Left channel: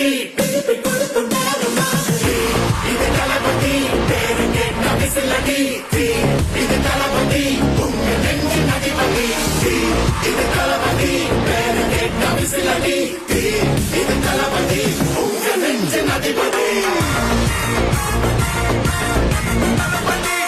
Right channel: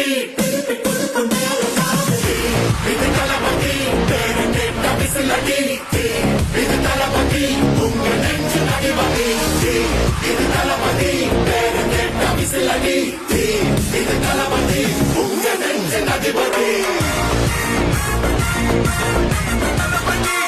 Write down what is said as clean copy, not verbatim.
தளபதி திருப்பி கொடுக்கும் நேரம் மாதிரி. இது தளபதி பேரு கேட்ட விசிலடி. இது தளபதி உங்க நெஞ்சின் அதிபதி. இது தளபதி பேரு கேட்ட விசிலடி. இது தளபதி உங்க நெஞ்சின் அதிபதி. தளபதி